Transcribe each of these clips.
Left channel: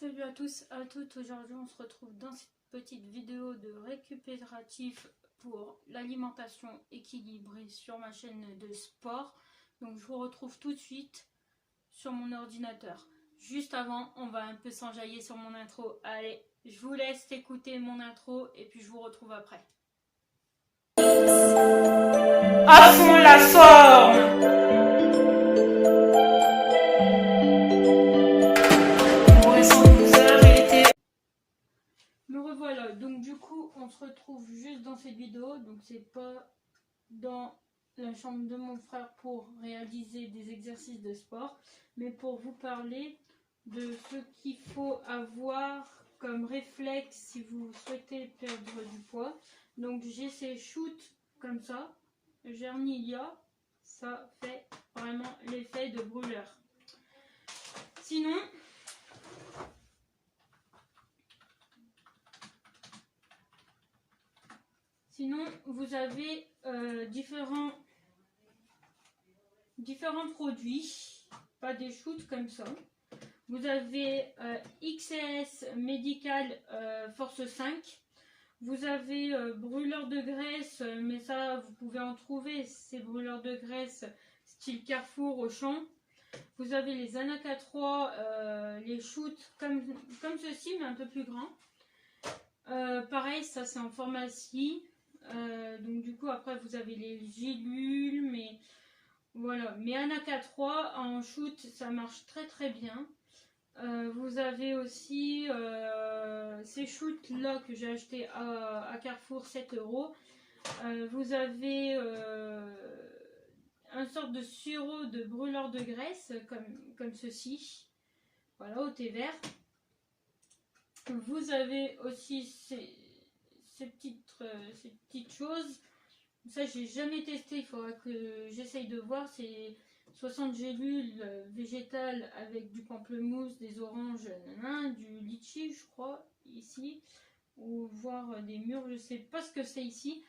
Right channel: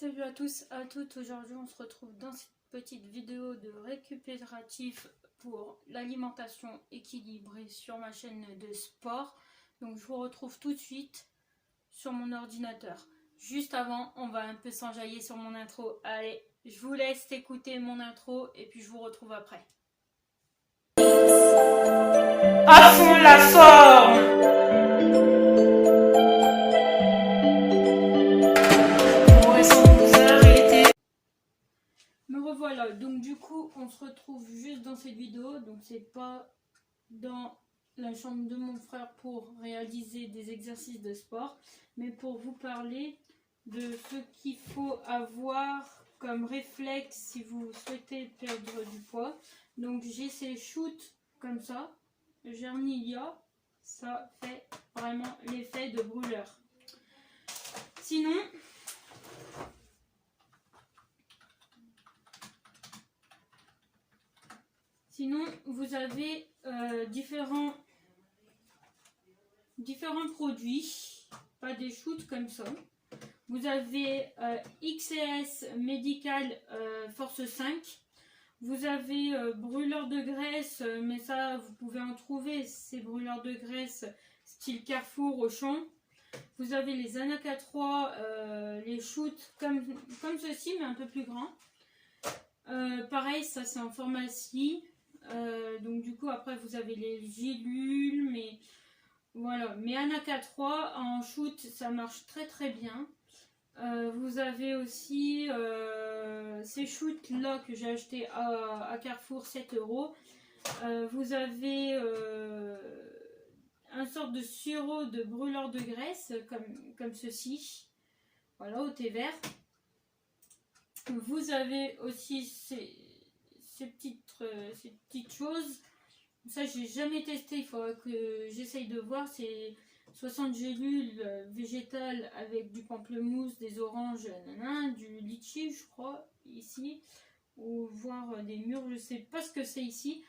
Salut à tous, à toutes. Aujourd'hui on se retrouve dans cette petite vidéo de récupératif pour l'alimentation équilibrée sur ma chaîne de sport. Donc je vous retrouve tout de suite sur mon ordinateur. Juste avant, on va un peu s'enjailler sur mon intro. Allez, je vous laisse écouter mon intro et puis je vous retrouve après. À fond la forme! Me revoilà, donc du coup on se retrouve juste dans cette vidéo, donc c'est pas dans la chambre de mon frère pour réaliser des exercices de sport, mais pour vous parler de ce qu'il faut avoir comme réflexe si vous souhaitez perdre du poids. Donc j'ai ces shoots comme ça, Gernilia, ça fait vraiment l'effet de brûleur. Sinon, vous avez différents produits, pas des shoots comme ça. Vous avez XS Medical Force 5. Vous avez brûleur de graisse, mais ça vous pouvez en trouver, ces brûleurs de graisse style Carrefour, Auchan. Vous avez les Anaka 3, les shoots comme ceci, mais un peu plus grands. Pareil, ça c'est en pharmacie. Donc du coup après vous avez les gélules, mais voilà, mais Anaka 3 en shoot ça marche très très bien. Vous avez aussi ces shoots là que j'ai acheté à Carrefour, 7 €. Vous avez un sorte de sirop de brûleur de graisse comme ceci, voilà, au thé vert. Vous avez aussi ces petites choses. Ça j'ai jamais testé, il faudra que j'essaye de voir. C'est 60 gélules végétales avec du pamplemousse, des oranges, du litchi je crois ici, ou voir des mûres, je sais pas ce que c'est ici.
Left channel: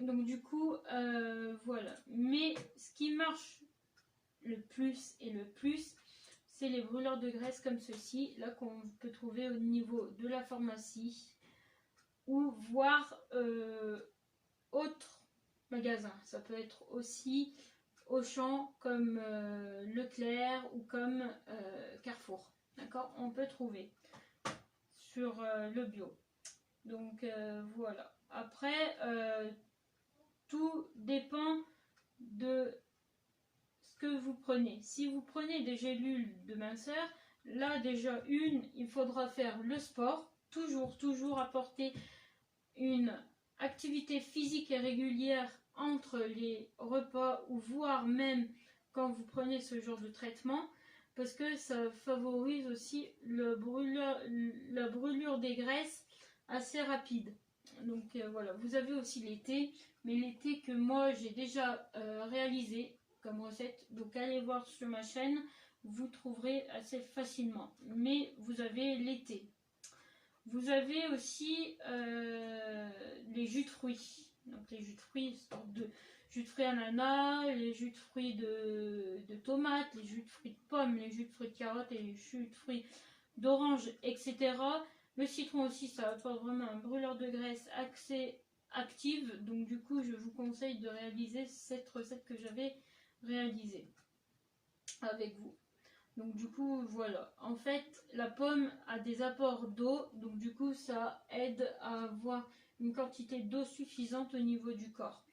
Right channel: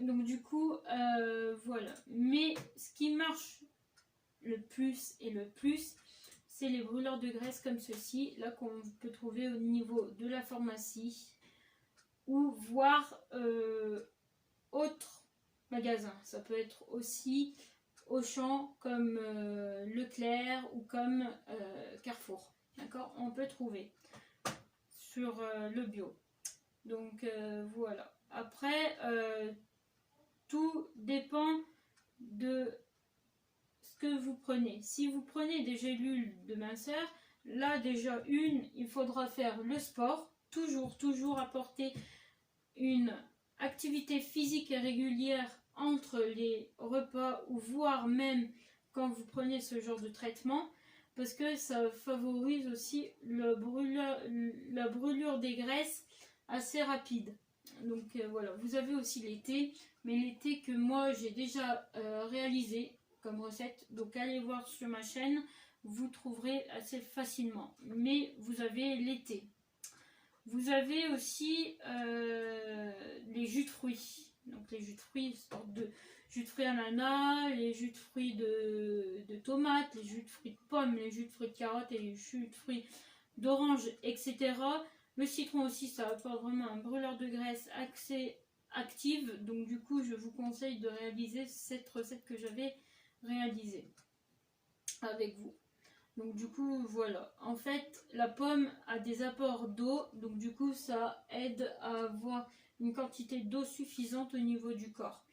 Donc du coup voilà, mais ce qui marche le plus c'est les brûleurs de graisse comme ceci là qu'on peut trouver au niveau de la pharmacie ou voir autres magasins. Ça peut être aussi Auchan comme Leclerc ou comme Carrefour. D'accord, on peut trouver sur le bio. Donc voilà. Après, tout dépend de ce que vous prenez. Si vous prenez des gélules de minceur, là déjà il faudra faire le sport. Toujours apporter une activité physique et régulière entre les repas ou voire même quand vous prenez ce genre de traitement, parce que ça favorise aussi la brûlure des graisses assez rapide. Donc voilà, vous avez aussi les thés, mais les thés que moi j'ai déjà réalisé comme recette, donc allez voir sur ma chaîne, vous trouverez assez facilement. Mais vous avez les thés. Vous avez aussi les jus de fruits. Donc les jus de fruits, sorte de jus de fruits ananas, les jus de fruits de tomates, les jus de fruits de pommes, les jus de fruits de carottes et les jus de fruits d'orange, etc. Le citron aussi, ça apporte vraiment un brûleur de graisse assez active. Donc du coup, je vous conseille de réaliser cette recette que j'avais réalisée avec vous. Donc du coup voilà, en fait la pomme a des apports d'eau, donc du coup ça aide à avoir une quantité d'eau suffisante au niveau du corps.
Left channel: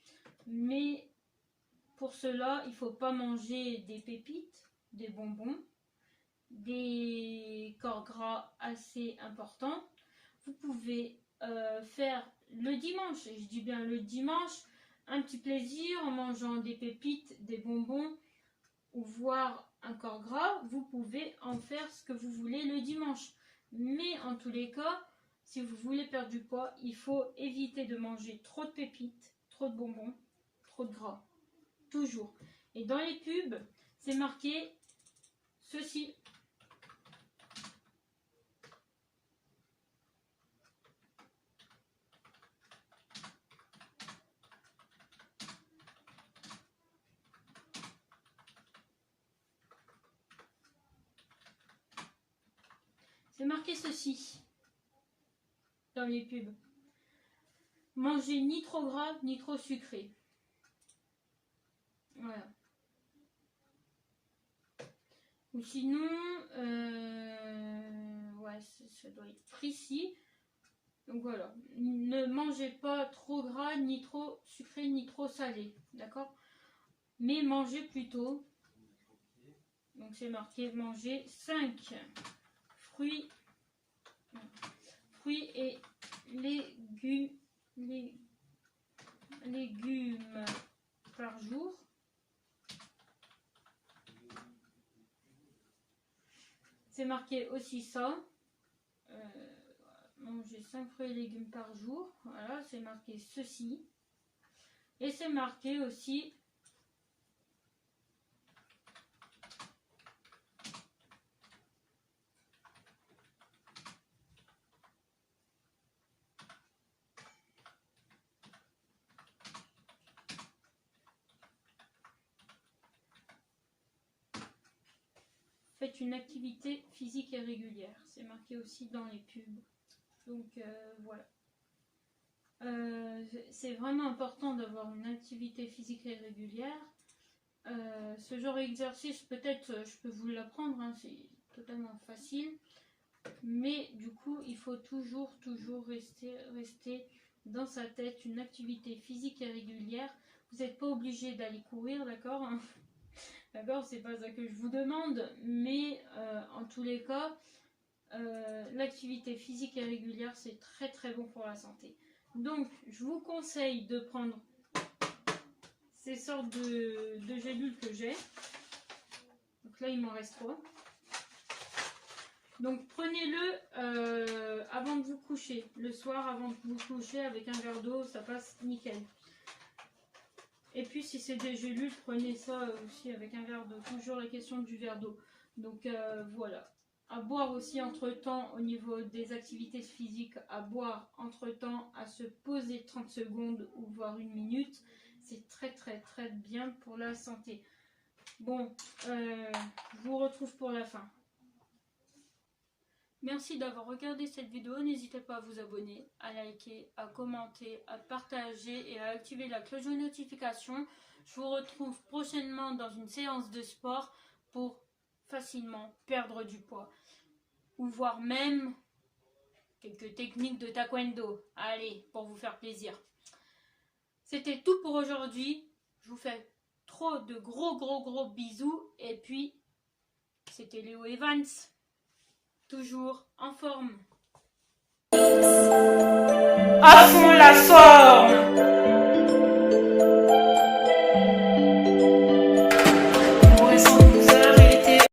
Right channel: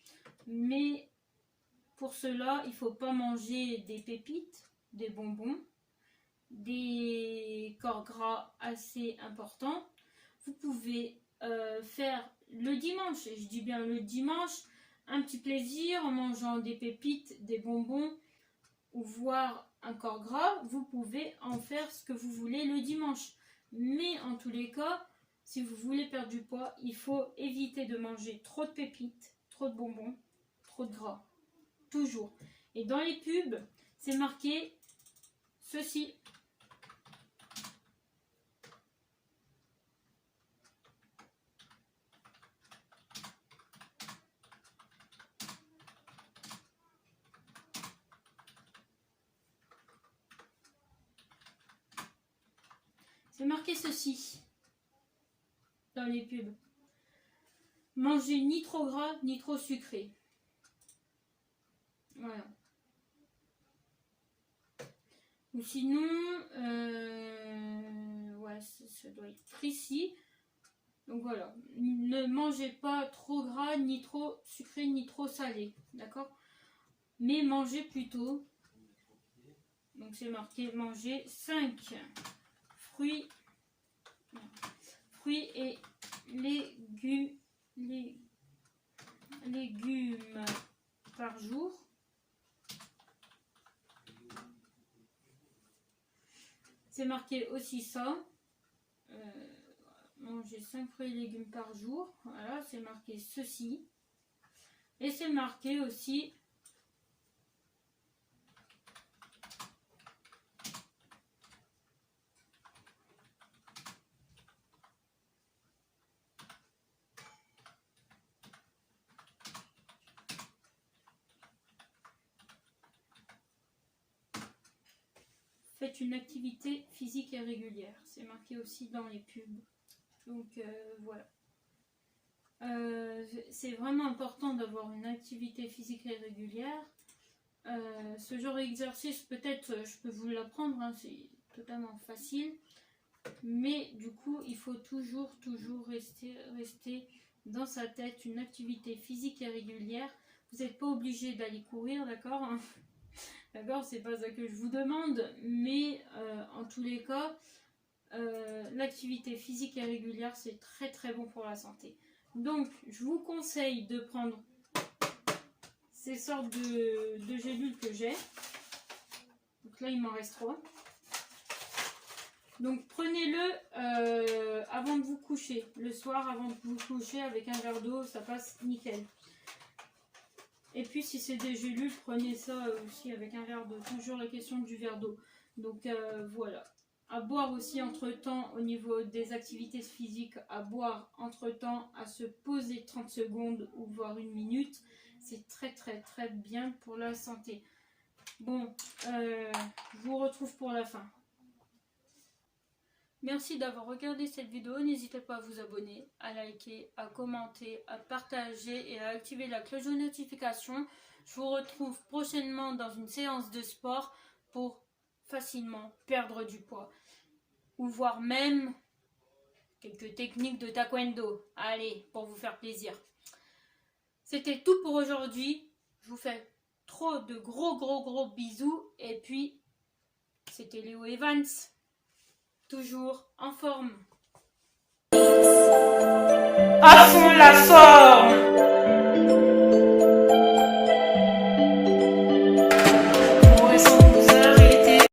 Mais pour cela il ne faut pas manger des pépites, des bonbons, des corps gras assez importants. Vous pouvez faire le dimanche, et je dis bien le dimanche, un petit plaisir en mangeant des pépites, des bonbons ou voire un corps gras. Vous pouvez en faire ce que vous voulez le dimanche, mais en tous les cas si vous voulez perdre du poids, il faut éviter de manger trop de pépites, trop de bonbons, trop de gras, toujours. Et dans les pubs c'est marqué ceci. C'est marqué marqué ceci dans les pubs. Manger ni trop gras ni trop sucré. Voilà. Ou sinon, ouais, ça doit être précis. Donc voilà, ne mangez pas trop gras, ni trop sucré, ni trop salé, d'accord? Mais mangez plutôt, donc c'est marqué, manger 5 fruits et légumes par jour. C'est marqué aussi ça. Manger 5 fruits et légumes par jour. Voilà, c'est marqué ceci. Et c'est marqué aussi faites une activité physique et régulière. C'est marqué aussi dans les pubs. Donc voilà. C'est vraiment important d'avoir une activité physique et régulière. Ce genre d'exercice, peut-être, je peux vous l'apprendre, hein, c'est totalement facile. Mais du coup, il faut toujours rester dans sa tête une activité physique et régulière. Vous n'êtes pas obligé d'aller courir, d'accord, hein. D'accord, c'est pas ça que je vous demande, mais en tous les cas, l'activité physique et régulière, c'est très très bon pour la santé. Donc, je vous conseille de prendre ces sortes de gélules que j'ai. Donc là, il m'en reste 3. Donc, prenez-le avant de vous coucher. Le soir, avant de vous coucher, avec un verre d'eau, ça passe nickel. Et puis, si c'est des gélules, prenez ça aussi avec un verre d'eau. Toujours la question du verre d'eau. Donc, voilà. À boire aussi entre-temps au niveau des activités physiques, à boire entre-temps, à se poser 30 secondes ou voire 1 minute. C'est très très très bien pour la santé. Bon, je vous retrouve pour la fin. Merci d'avoir regardé cette vidéo. N'hésitez pas à vous abonner, à liker, à commenter, à partager et à activer la cloche de notification. Je vous retrouve prochainement dans une séance de sport pour facilement perdre du poids. Ou voire même quelques techniques de taekwondo. Allez, pour vous faire plaisir. C'était tout pour aujourd'hui. Je vous fais trop de gros bisous. Et puis, c'était Léo Evans. Toujours en forme. À fond la forme!